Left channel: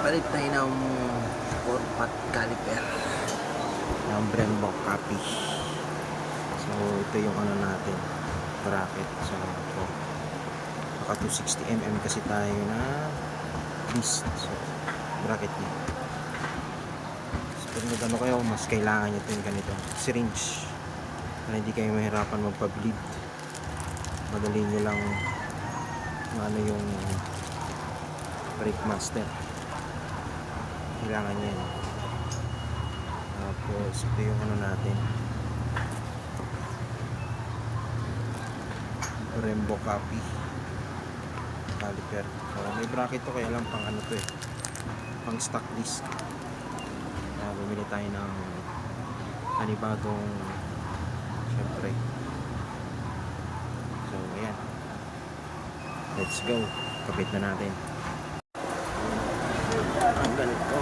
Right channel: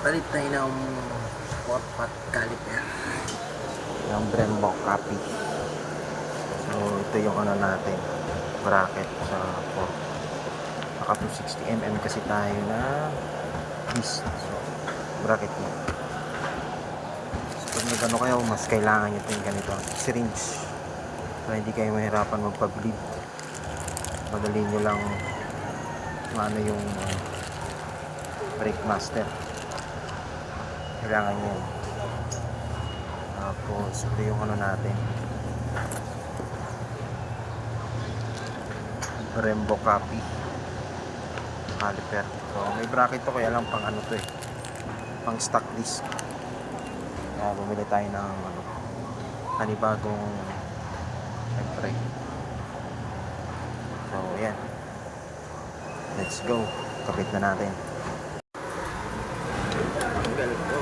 Palit tayo ng 4 pot caliper. Yung Brembo copy. So, ito yung ano natin. Bracket sa 4. Naka 260mm kasi tayo na disc. So, bracket nyo. So, pag nagano kayo, mas kailangan nyo yung ganito. Syringe. Para hindi kayo mahirapan magpa-bleed. Madali nyo lang ano yung ano, brake master kailangan yan tapos ito yung ano natin. Brembo copy. Caliper. So may bracket to kaya lang pang ano to eh. Pang stock disc kaya bumili tayo ng ano panibagong syempre. So yan let's go. Kapit na natin tanggal to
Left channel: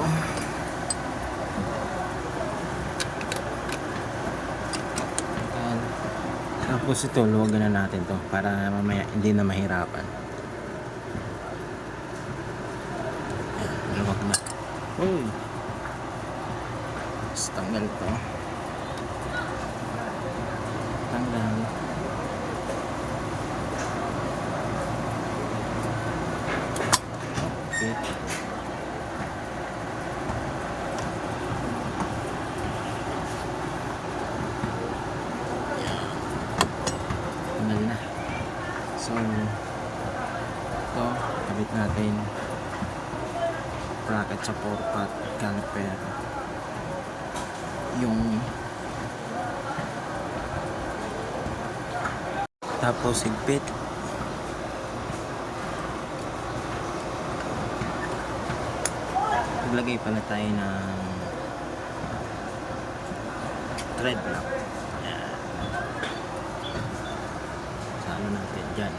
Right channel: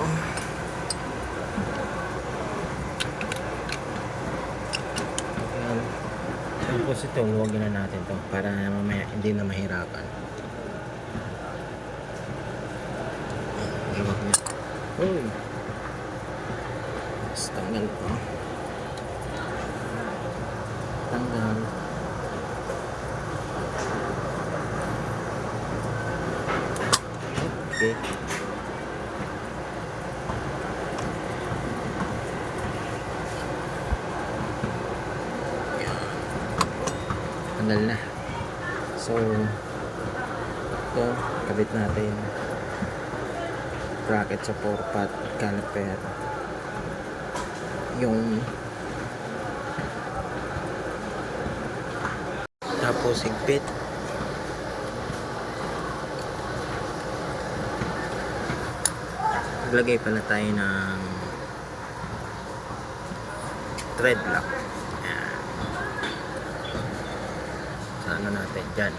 Ayan. Tapos ito luwagan na natin to para mamaya hindi na mahirapan. Luwag na. Uy. Tapos tanggal to. Tanggal. Okay tanggal na. So ito kabit natin. Bracket sa 4 pot caliper yung tapos higpit. Maglagay pala tayo ng thread lock Ayan. Sa ano natin dyan.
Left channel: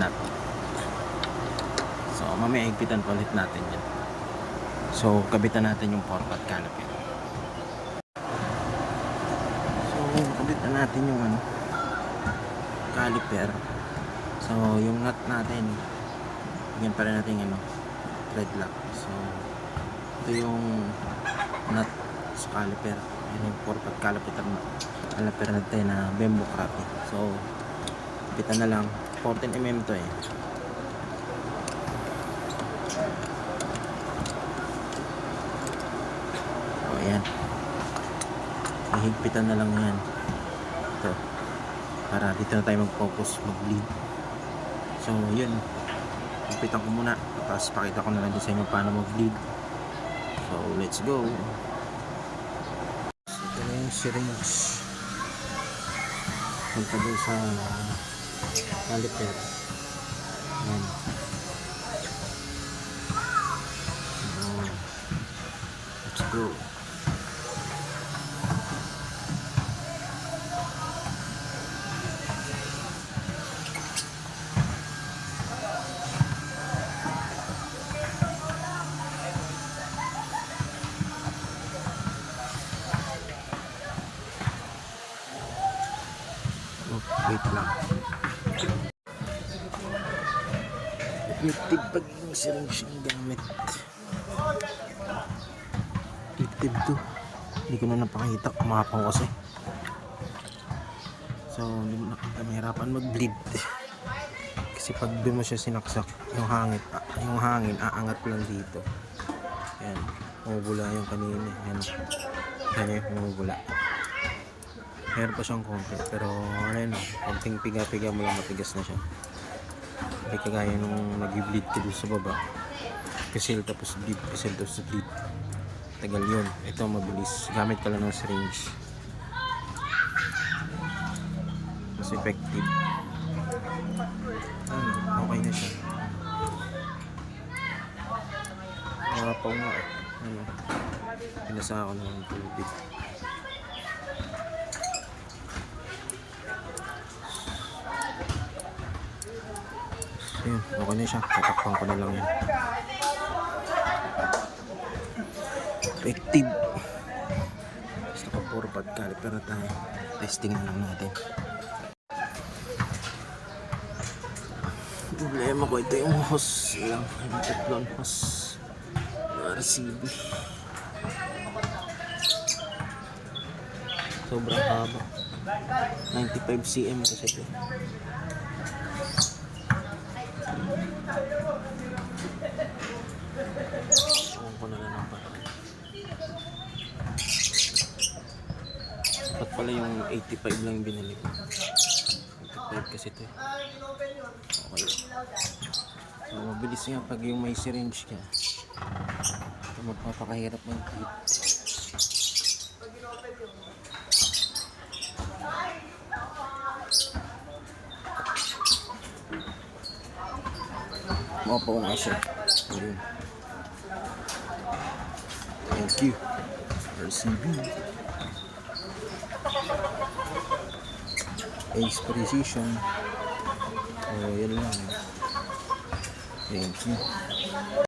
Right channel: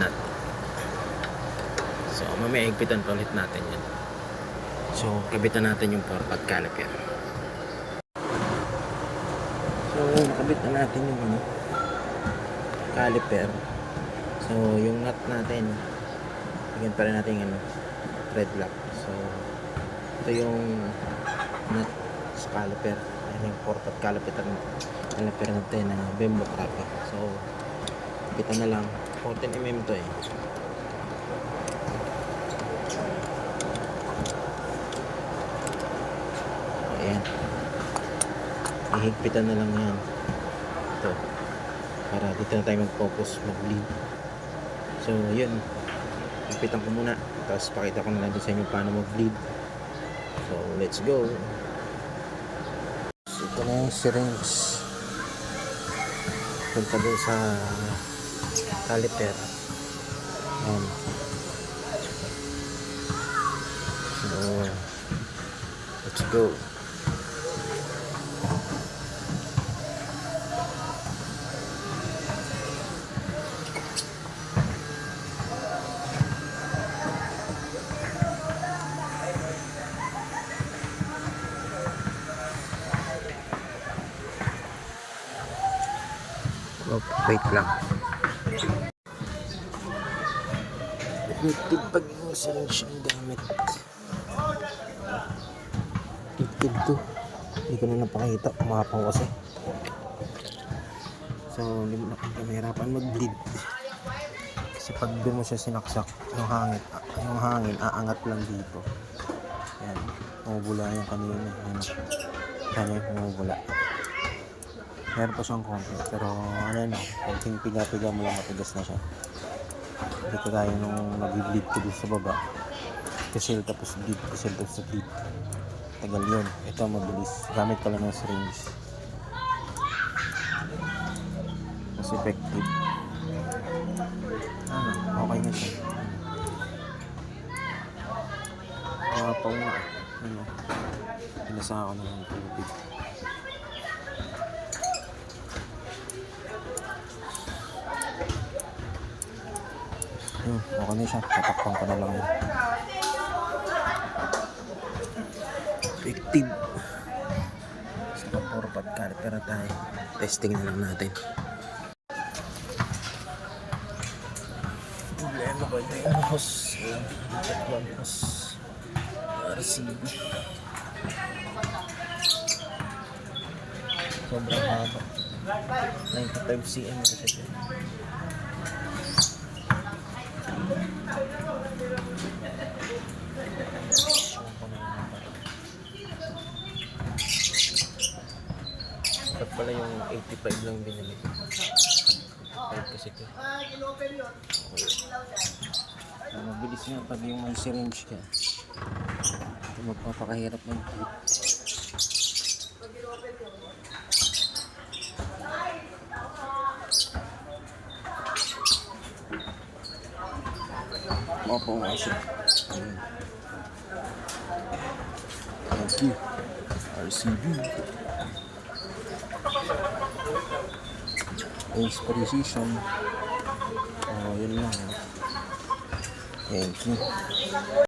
Nut so mamaya higpitan pa ulit natin yan. So kabitan natin yung 4 pot caliper so nakabit na natin yung ano caliper so yung nut natin bigyan pa rin natin ano thread lock. So ito yung nut sa caliper ayan yung 4 pot caliper na caliper natin na bembo crappy. So bitan na lang. 14mm to eh. O yan. Ihigpitan na lang yan. Ito. Para dito na tayo mag-focus mag-lead. So yun. Higpitan ko muna. Tapos pakita ko na lang din sa inyo paano mag-lead. So let's go. Ito na yung syringe punta doon sa caliper Ayan. so let's go Wait lang. Effective pag yung syringe yung gamit. Effective to. Hindi ko na napakita. Umapang kasi. So, hindi mo na kami hirapan mag-bleed. Kasi pag doon mo siya sinaksak, yung hangin, yung hangin, aangat lang dito. Yan. Umubula yung kanina. Yan. Kanya yung umubula meron pa siyang konti pero ano yun konting piga-piga mo lang matigas na siya. Hindi kagaya nung nag-bleed doon sa baba. Kasil tapos bleed kasil tapos bleed. Tagal yun. Ito mabilis. Gamit ka lang ng syringe. Mas effective. Ano okay na siya. Mga pa nga ano? Pinasa ako ng tubig Ayun, okay na siya. Tatakpan ko na lang yun. Effective. Basta pa puro caliper na tayo. Testing na lang natin. problema ko ito yung hose lang yung tatlong hose RCB sobrang haba 95 cm kasi ito Ewan ko na lang ang bato Dapat pala yung 85 lang binili ko 85 kasi ito Okay. So, mabilis nga pag yung may syringe ka. Ito magpapakahirap ng tip. Mapo na siya. Ayun. Thank you. RCB. Ace Precision. Oh, yun lang. Thank you.